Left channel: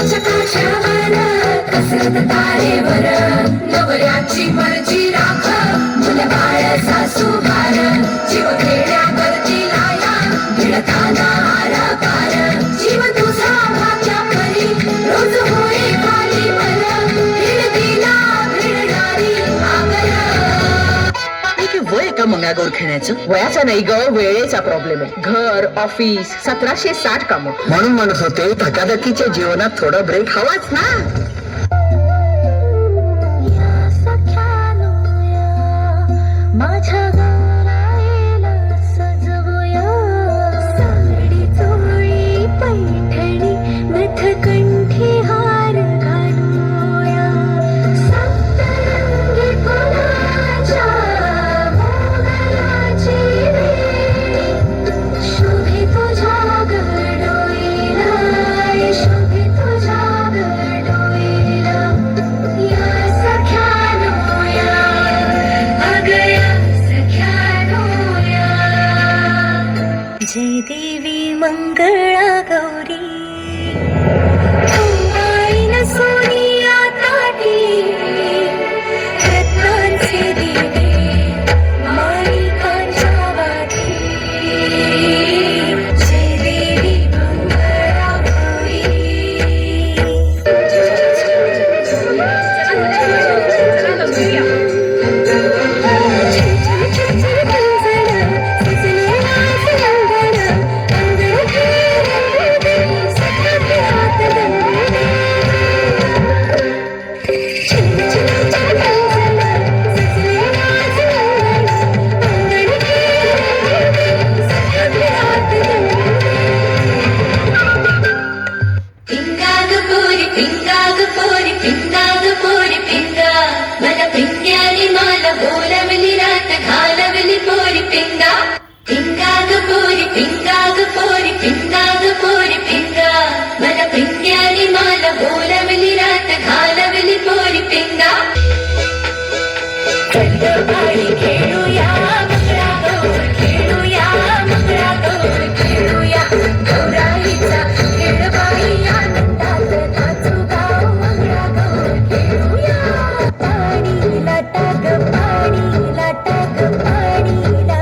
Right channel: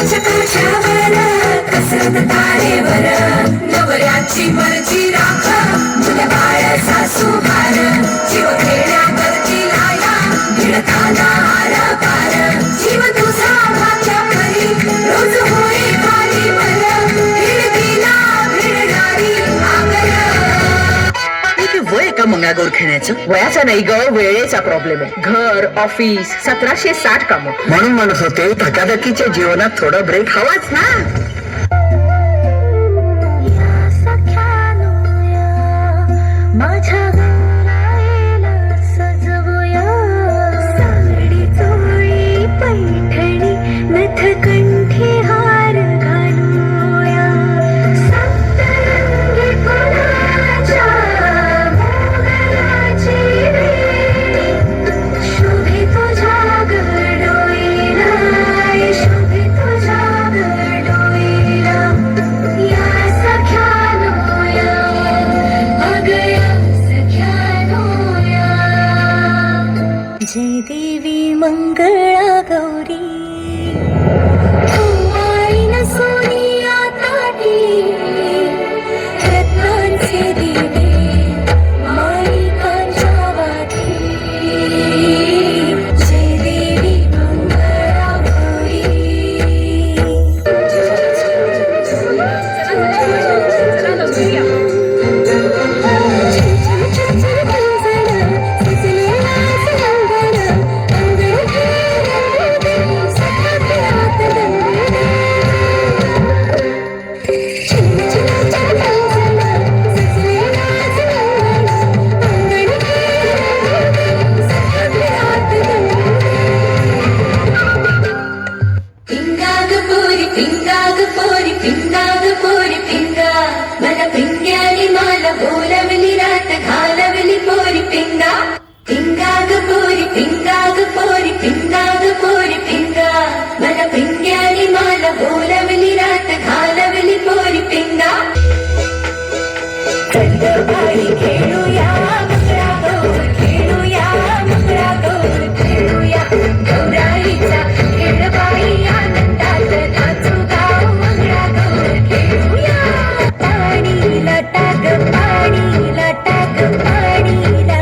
चक्रावर कसरत तारेवर नवऱ्याची मर्जी राख मुलं बाळ सासू भार जीव खेळण्यावरती लाया भिडताना हार पार जीव तुझा माझ्या घरी रोज होई पाणी भर भिडतीला भिडणारी हे वय का मंगळागौर खेळण्याचं? वयाचा नाही ग, वेळेचा प्रॉब्लेम आहे. घर, ऑफिस, 1760 काम म्हणून म्हणत होते धकाधकीच्या जीवनात थोडा ब्रेक हवाच ना. जय देवी मंगळा गौरी आईन सोनिया ताटी रत्नांचे दिवे माणिकांच्या वाती जय देवी मंगळा गौरी खेळूया मंगळागौर खेळूया मंगळागौर खेळूया गौराईचा खेळबाई आनंदात नाचू गाऊ मंगळागौर खेळूया पाणीला टाक पाणीला टाक पाणीला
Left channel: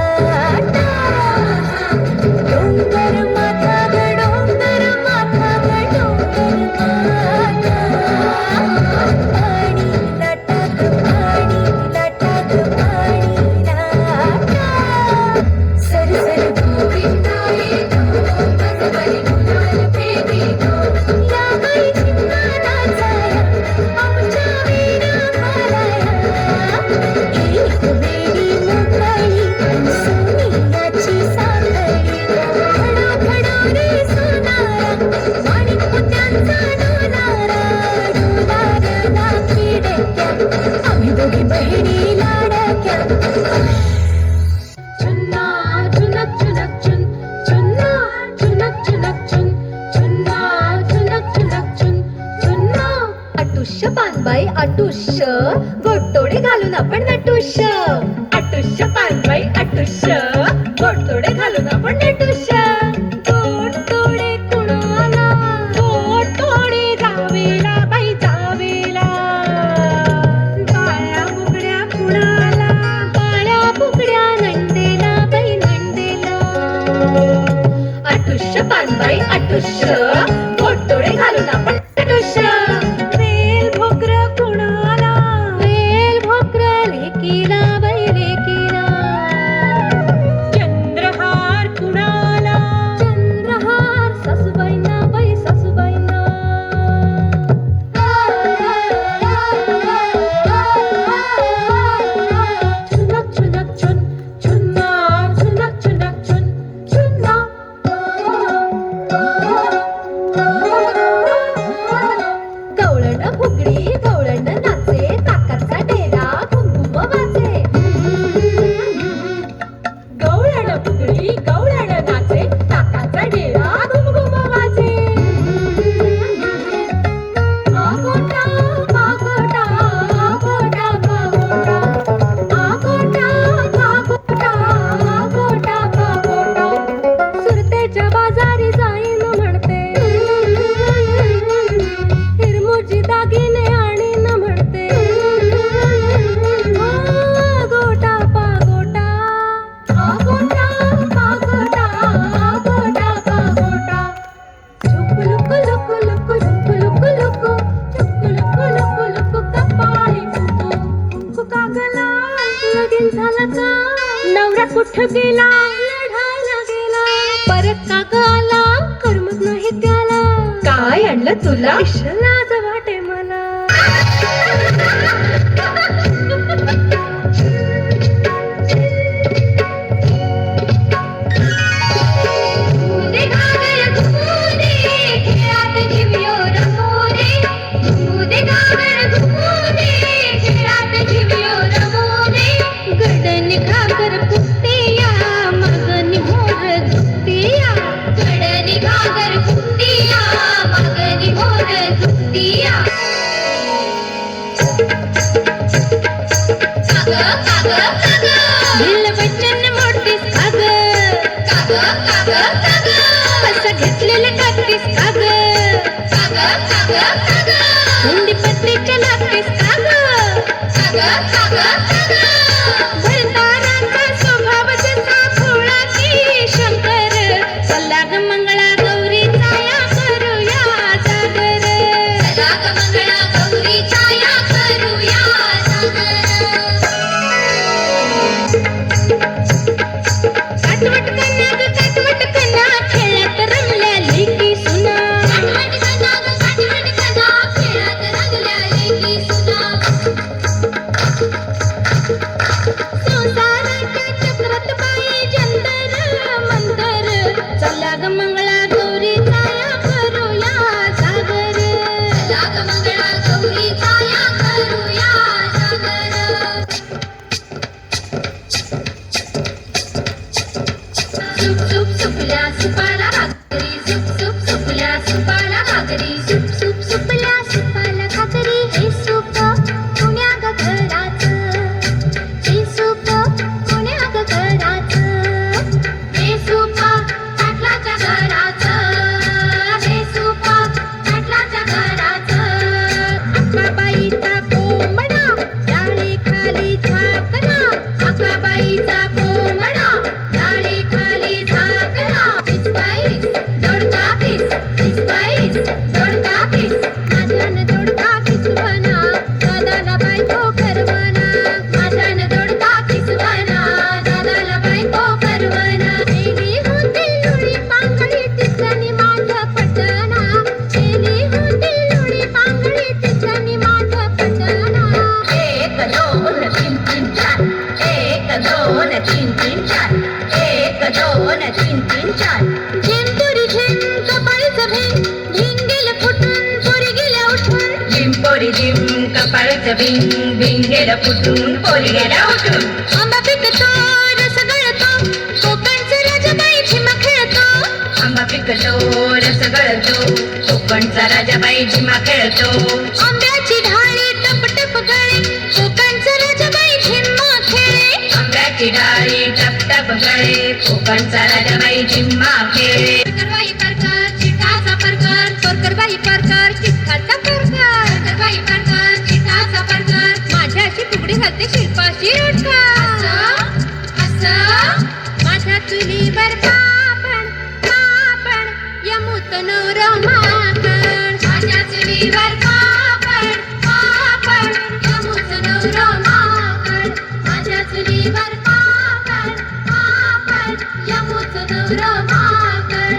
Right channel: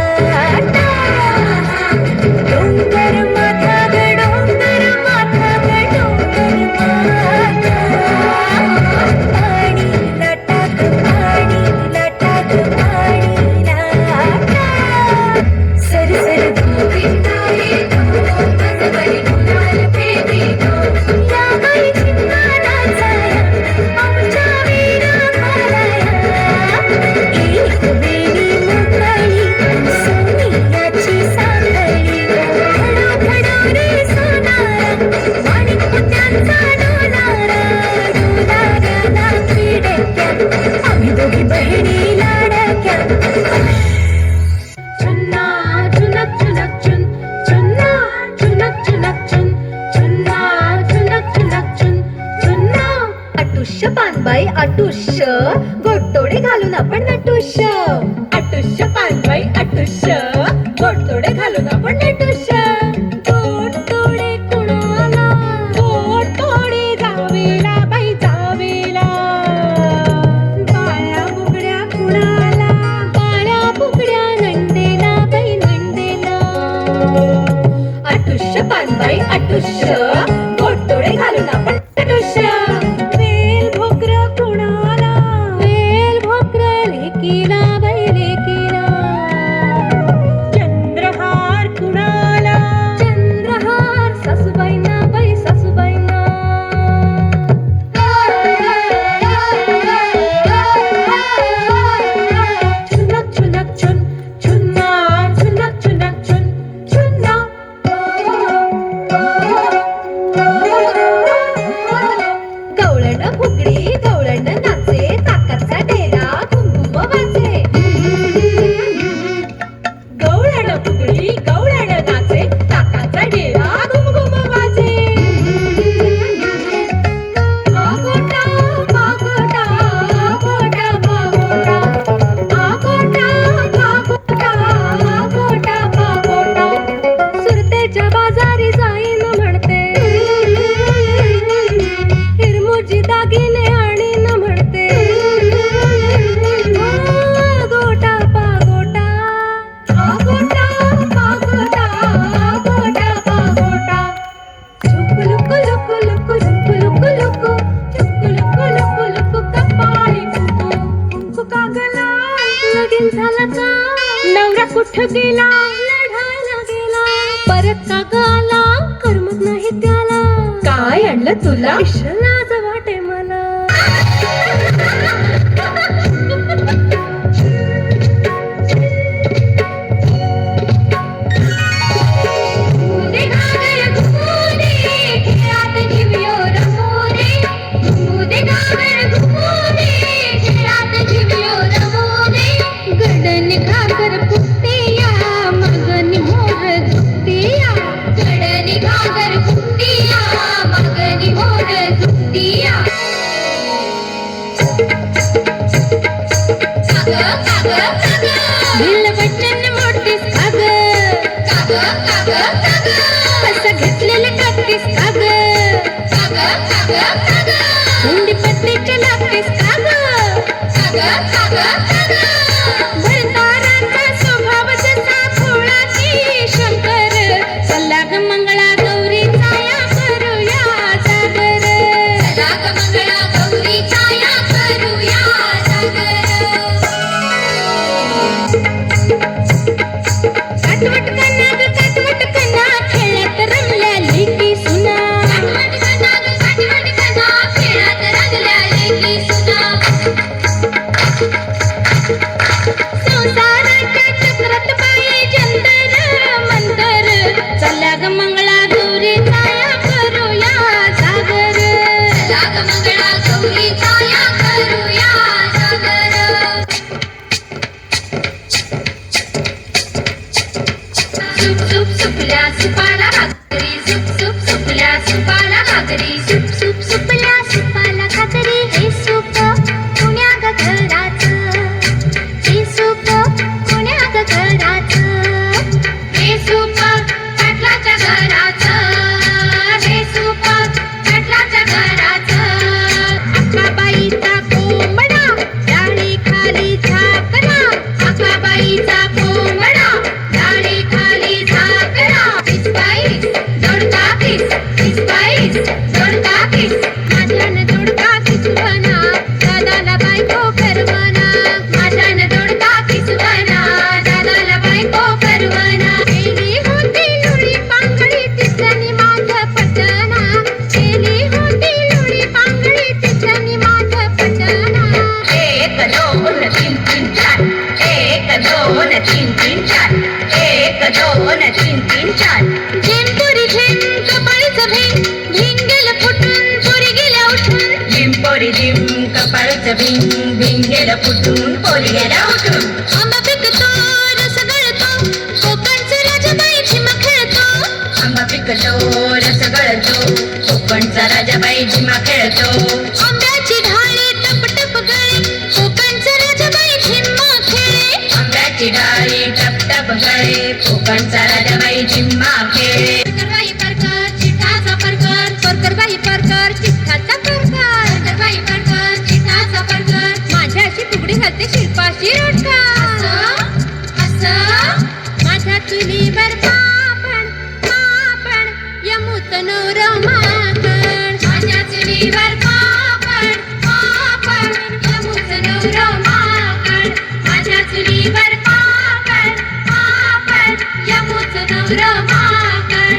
डोंगर माथा ग डोंगर माथा ग डोंगर माथा पाणीला टाक पाणीला टाक पाणीला सर सर गोविंदाई मनवरी गुलाल प्रेमी या गाई चिन्नाला जाया आमच्या वीरा घालाया एक वेळी मोकळी सोनियाची साखळी खडो खडो रे सोनारा माणिक मोत्यांचा डोलारा डोलाराला खिडक्या आम्ही दोघी बहिणी लाडक्या चुन्ना चुनक चुनक चुन चुन्ना चुनक चुनक चुन चुन्ना चुनक चुनक चुन चुन्ना अटुष्य पानबाई अटुष्य गोडतोडे घालून आपण नटुष्य अटुष्य पानबाई अटुष्य गोडतोडे घालून आपण नटुष्य गोडतोडे कुणाला गोडतोडे जावेला बाई जावेला काळ्या बुगड्या कुणाला काळ्या बुगड्या नंदेला बाई नंदेला अटुष्य पानबाई अटुष्य गोडतोडे घालून आपण नटुष्य वेल भोकर कुणाला वेल भोकर लेकीला बाई लेकीला चंद्रहार कुणाला लाज वाटे मला घुमुदे घागर घुमुदे खेळात झिवियो रमोदे घुमुदे घागर घुमुदे खेळात झिवियो रमोदे गडन घागर फुटतिया मगन मोर झुकतिया गडन घागर फुटतिया मगन मोर झुकतिया दिल वचन मोडतीस काग असं घेतलेलं टाकतीस काग हुंडी पत्रीच्या लागतीस काग भरताराचा स्वभाव जसा भोळा की शंकर चला ग मंगळा गौरीचा या करूया जागर चला ग मंगळा गौरीचा या करूया जागर काटवट कन्ना ग काटवट कन्ना खेळत रंगल्या लेकी सुना काटवट कन्ना ग काटवट कन्ना खेळत रंगल्या लेकी सुना संसाराच्या चक्रात बाई जंतर मंतर चला ग मंगळा गौरीचा या करूया जागर चला ग मंगळा गौरीचा या करूया जागर सुप सुप सुपल्या सुपाला घागरी सुप सुप सुपल्या सुपाला घागरी सुप सुप सुपल्या सुपाला घागरी हे सुप कुण्या ग घराचं हे सुप कुण्या ग घराचं हे सुप पाटलाच्या घराचं हे सुप पाटलाच्या घराचं अक्काबाईचा कोंबडा डाळी खाली झाकला अक्काबाईचा कोंबडा डाळी खाली झाकला इस्पाईस दोडका किस इस्पाईस दोडका किस माझ्यानं दोडका किसवाना दादाला बायको करवाना माझ्यानं दोडका किसवाना दादाला बायको करवाना गेली होती लुळी पांगळी तिचनी माझं पटाना गेली होती लुळी पांगळी तिचनी माझं पटाना एक दोन तीन तीन चार एक दोन तीन तीन चार एक दोन तीन तीन चार झिंपुरी झिम कपाळीचं भीम भिंग गेलं फुटून पोरी गेल्या उठून झिंपोरी झिम कपाळचं भिंग भिंग गेलं फुटून पोरी गेल्या उठून आंबा पिकतो रस गळतो कोकणचा राजाबाई झिमा खेळतो आंबा पिकतो रस गळतो कोकणचा राजाबाई झिमा खेळतो आंब्याची ढाळी टप टप गळे कोकणचा राजाबाई झिम्मा खेळे आंब्याची डाळी टप टप गळे कोकणचा राजाबाई झिम्मा खेळे परकरबाई परकर चिठाचा परकर परकरबाई परकर चिठाचा परकर परकरबाई परकर चिठाचा परकर माझ्याशी फुगडी घालते शिल्पाशी रोटकर असं माझ्या चुलीवर पापण पापण यमुत नवरमाकण माझ्या चुलीवर पापण पापण यमुत नवरमाकण माझ्या चुलीवर पापण पापण यमुत नवरमाकण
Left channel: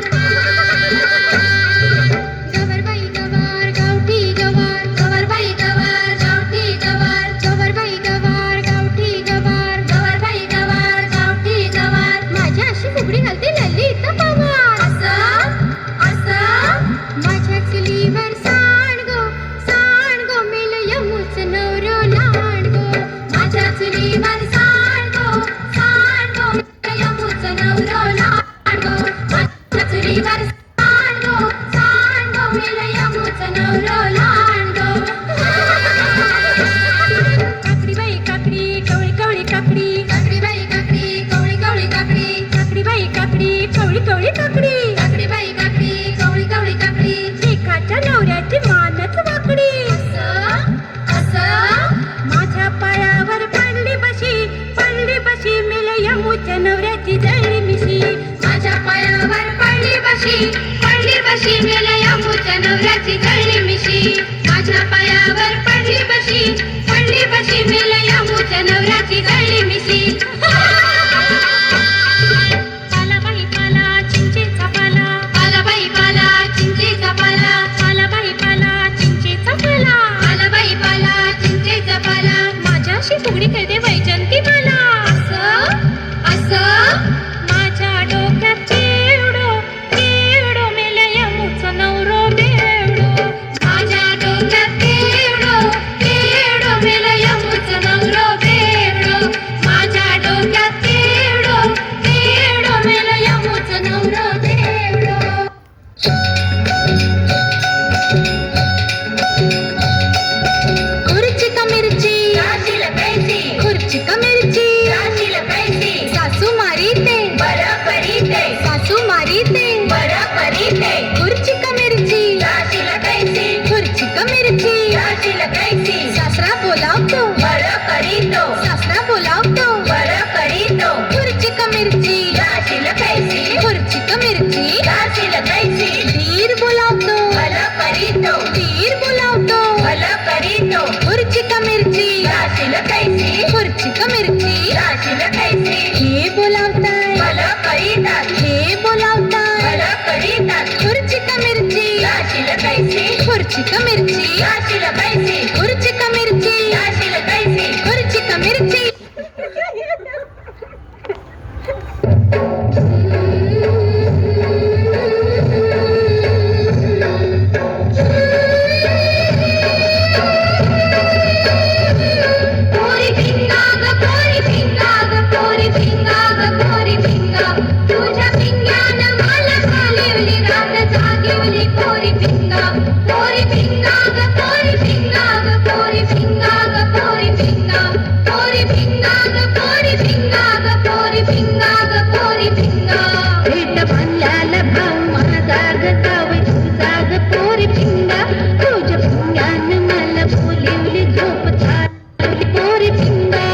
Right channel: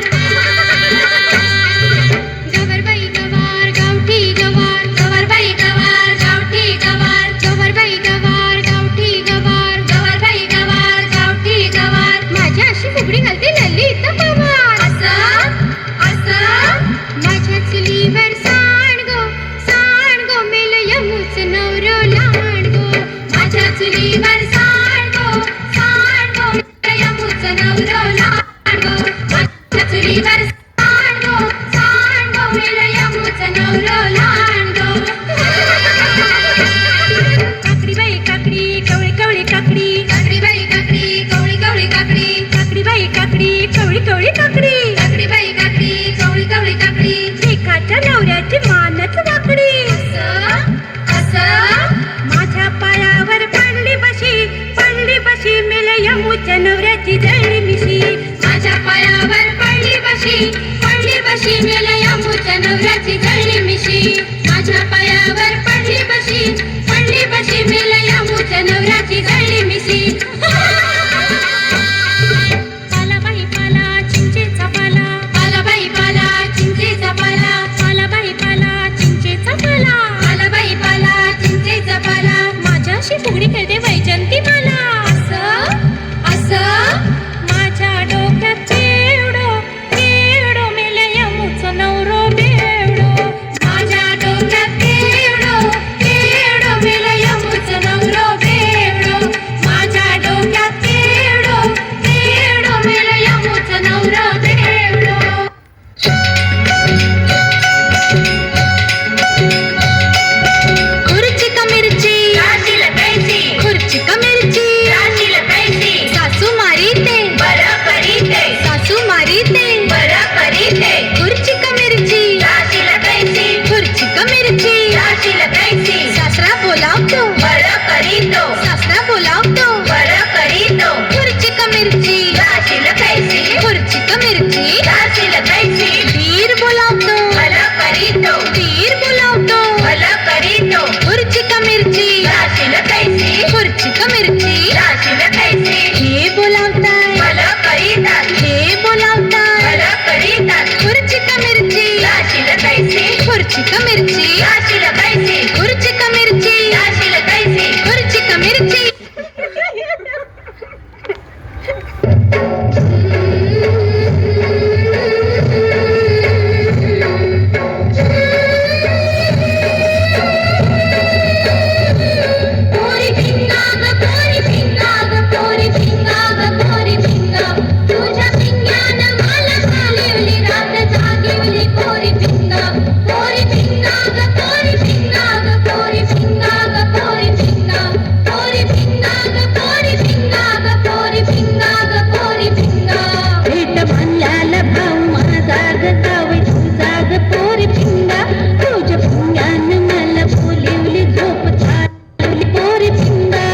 गवरबाई गवार गावठी गवार गवरबाई गवार गावठी गवार गवरबाई गवार गावठी गवार गवरबाई गवार गावठी गवार माझ्याशी फुगडी घालते ललित पवार असं असं माझ्या चुलीवर सांडगो मिल यमुच नवरो लांडगो माझ्या चुलीवर सांडगो मिल यमुच नवरो लांडगो माझ्या चुलीवर सांडगो मिल यमुच नवरो लांडगो काकडी बाई काकडी कवळी कवळी काकडी काकडी बाई काकडी कवळी कवळी काकडी काकडी बाई काकडी कवळी कवळी काकडी काकडी बाई काकडी कवळी कवळी काकडी लेकाच्या नवऱ्याची मानच वाकडी असं माझ्या पायावर पडली बशी मिल यमुच्या नवऱ्याची जळली मिशी माझ्या पायावर पडली बशी मिल यमुच्या नवऱ्याची जळली मिशी माझ्या पायावर पडली बशी मिल यमुच्या नवऱ्याची जळली मिशी पाला बाई पाला चिंचेचा पाला पाला बाई पाला चिंचेचा पाला पाला बाई पाला खुर्ची का मिरची लाशील कैसे खुर्ची का मिरची लाशील कैसे खुर्ची का मिरची पोरी पिंगा ग पोरी पिंगा ग पोरी पिंगा ग पोरी पिंगा तुझ्या पिंग्यानं मला घालवली रात जागवली पोरी पिंगा ग पोरी पिंगा ग पोरी पिंगा ग पोरी पिंगा पोरी पिंगा ग पोरी पिंगा ग पोरी पिंगा ग पोरी पिंगा पेट भरल्याला भाऊ माझा ग जावई तुझा ग पोरी पिंगा तुझ्या पिंग्यानं मला बोलिवली झोप झाली पोरी पिंगा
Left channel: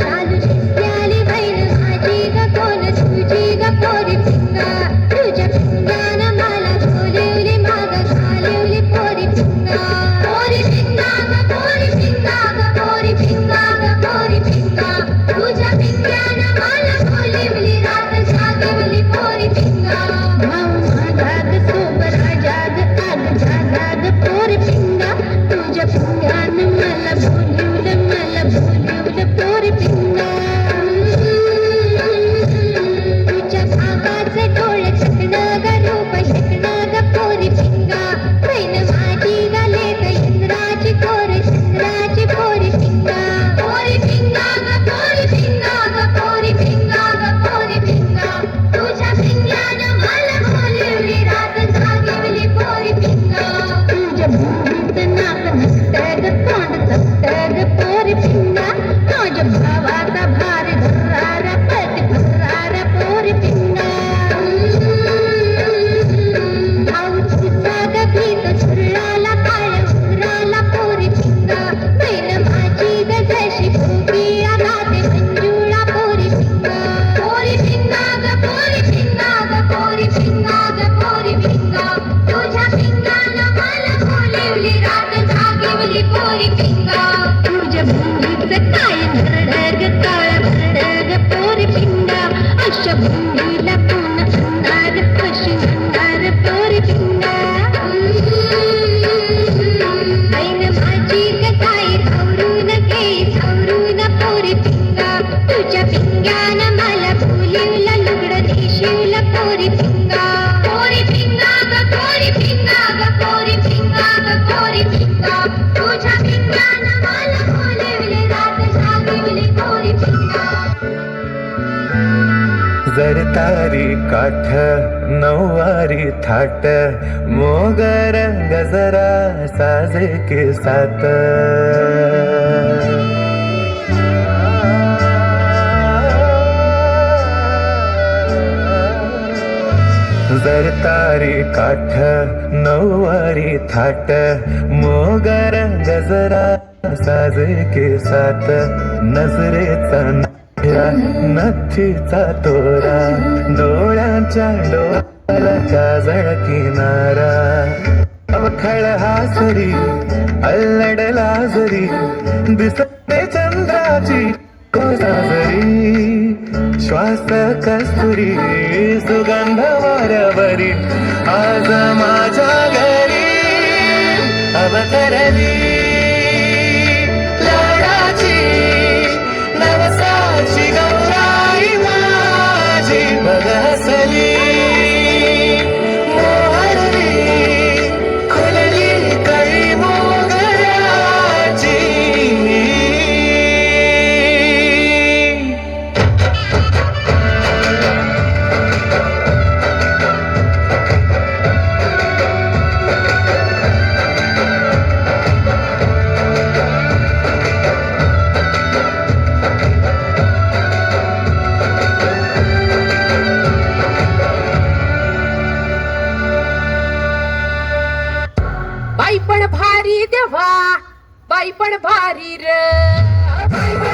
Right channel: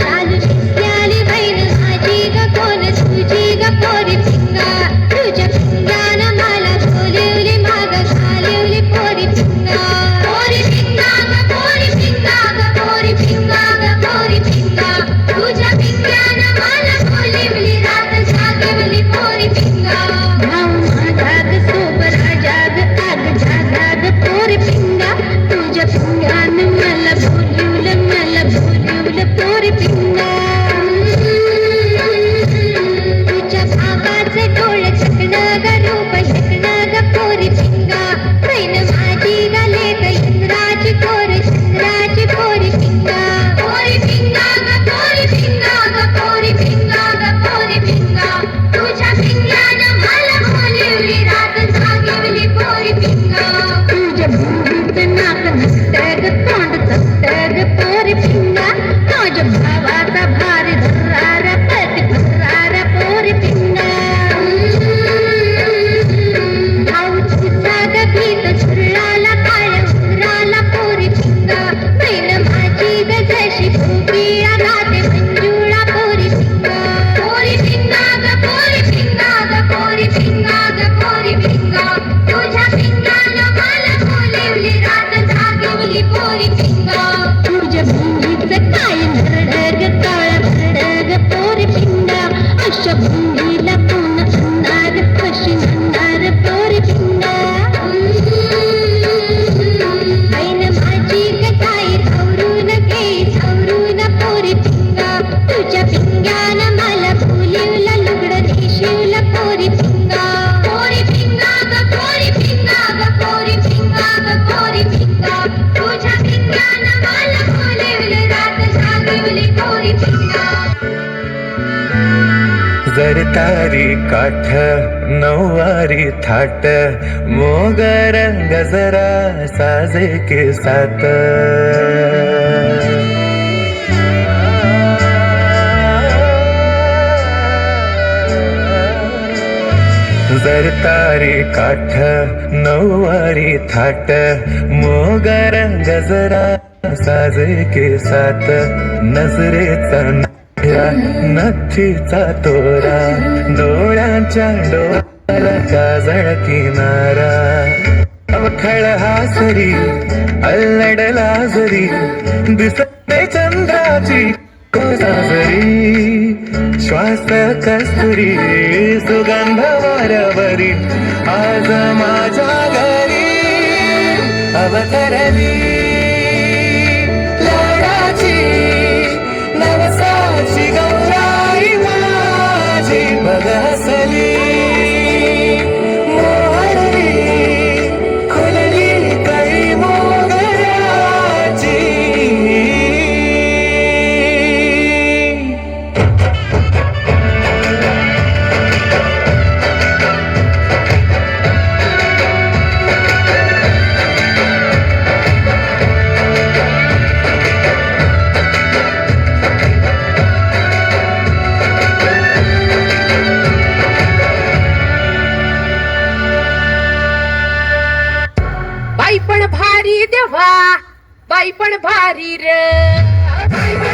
चालू शिकल्याली बहीण माझी ग कोण तुझी ग पोरी पिंगा तुझ्या पिंग्यानं मला बोलिवली माग घालवली पोरी पिंगा पोरी पिंगा ग पोरी पिंगा ग पोरी पिंगा ग पोरी पिंगा तुझ्या पिंग्यानं मला बोलिवली रात जागवली पोरी पिंगा भाऊ माझा ग सोबरा जाग आग जागा ग पोरी पिंगा तुझ्या पिंग्यानं मला बोलिवलं पोरी पिंगा तुझ्या भावाचे डोळे चकणं ग रूप शकणं ग पोरी पिंगा बहीण माझी ग लेक इंद्राची पोर चंद्राची पोरी पिंगा पोरी पिंगा ग पोरी पिंगा ग पोरी पिंगा ग पोरी पिंगा तुझ्या पिंग्यानं मला बोलिवली रात जागवली पोरी पिंगा तुझ्या भुंगीचं नाक नसतं ग तोंड चपटं ग पोरी पिंगा माझ्या भावाचा भारी धर्रारा पती फर्रारा पोरी पिंगा भाऊ तुझा ग गीत झुरळाला काळ उराला पोरी पिंगा बहीण माझी ग जशी गोपिया गाते मंजुळा पोरी पिंगा पोरी पिंगा ग पोरी पिंगा ग पोरी पिंगा ग पोरी पिंगा तुझ्या पिंग्यानं मला बोलिवली रात जागवली पोरी पिंगा तुझ्या भुंगीचं काय नरड ग काळा भरड ग पोरी पिंगा अशा भुंगीला कोण आणणार कशी आणणार पोरी पिंगा बहीण माझी ग ताई सावरून घे सावरून पोरी पिंगा तुझ्या पिंग्यानं मला बोलिवलं लुगडं नेशिवलं पोरी पिंगा पोरी पिंगा ग पोरी पिंगा ग पोरी पिंगा ग पोरी पिंगा तुझ्या पिंग्यानं मला बोलिवली रात जागवली पोरी पिंगा जर तारी काठ नऊवारी थाट मोगर गजरा साजे के साथ जर तारी काठ नऊवारी थाट मोगर गजरा साजे के साथ नजरेचा नथीचा तोरा डोळ्यांच्या डोळ्याला काजळ किनारा अवखळ हासरी अल्लडला जरी दिसते चंद्राची कोसाजरी श्वास कस्तुरी सुगंध वाऱ्यावरी आज माझ्या घरी अवतरली लाडाची नवसाची गौराई माझी बघसली मोहरली खुलली कळी मोगऱ्याची बाई पण भारी देवा बाई पण भारी र